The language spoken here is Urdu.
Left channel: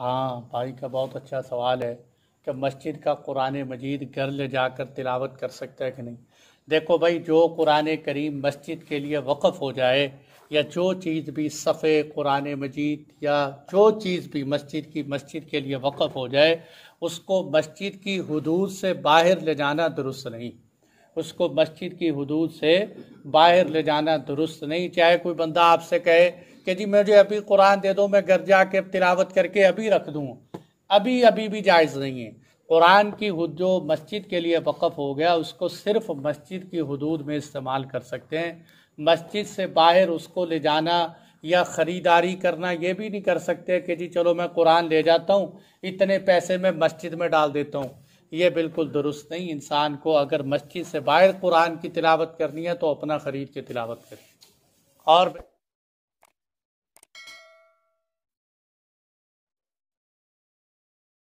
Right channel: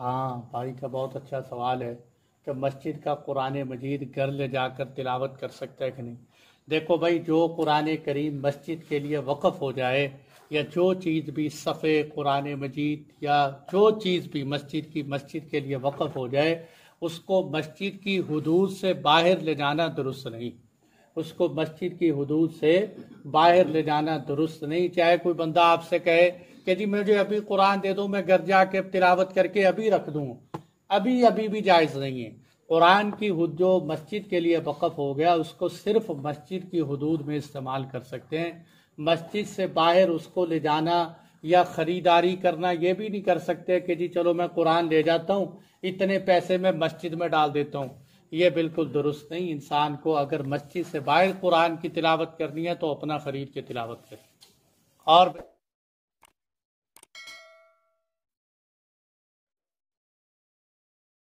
ہاں بھائی کا بہت اچھا سوال ہے کہ مسجد کا قرآن مجید گھر لے جا کر تلاوت کر سکتا ہے کہ نہیں۔ دیکھو بھائی، جو قرآن کریم مسجد کے لیے وقف ہو جائے، یا جو چیز بھی صفحے قرآن مجید یا جو چیز بھی مسجد کے لیے وقف ہو جائے، اس کو مسجد کی حدود سے باہر لے جانا درست نہیں۔ اس کو مسجد کی حدود سے باہر لے جانا درست نہیں۔ چاہے کوئی بندہ آپ سے کہے کہ جی مجھے ابھی قرآن دے دو، میں گھر جا کے تلاوت کر کے ابھی رکھ دوں، ابھی بھی جائز نہیں ہے۔ قرآن کی جو مسجد کے لیے وقف ہو گیا، اس کو صرف مسجد کی حدود میں استعمال کر سکتے ہیں۔ مسجد سے باہر اس کو لے جانا یا خریداری کرنا یہ بھی نہیں کر سکتے کہ جی چلو میں قرآن لے جاتا ہوں، اتنے پیسے میں مسجد میں ڈال دیتا ہوں۔ یہ بالکل درست نہیں۔ انسان کو اگر مسجد سے باہر قرآن کی تلاوت کرنی ہے تو اپنا خرید کے تلاوت کرے۔ اور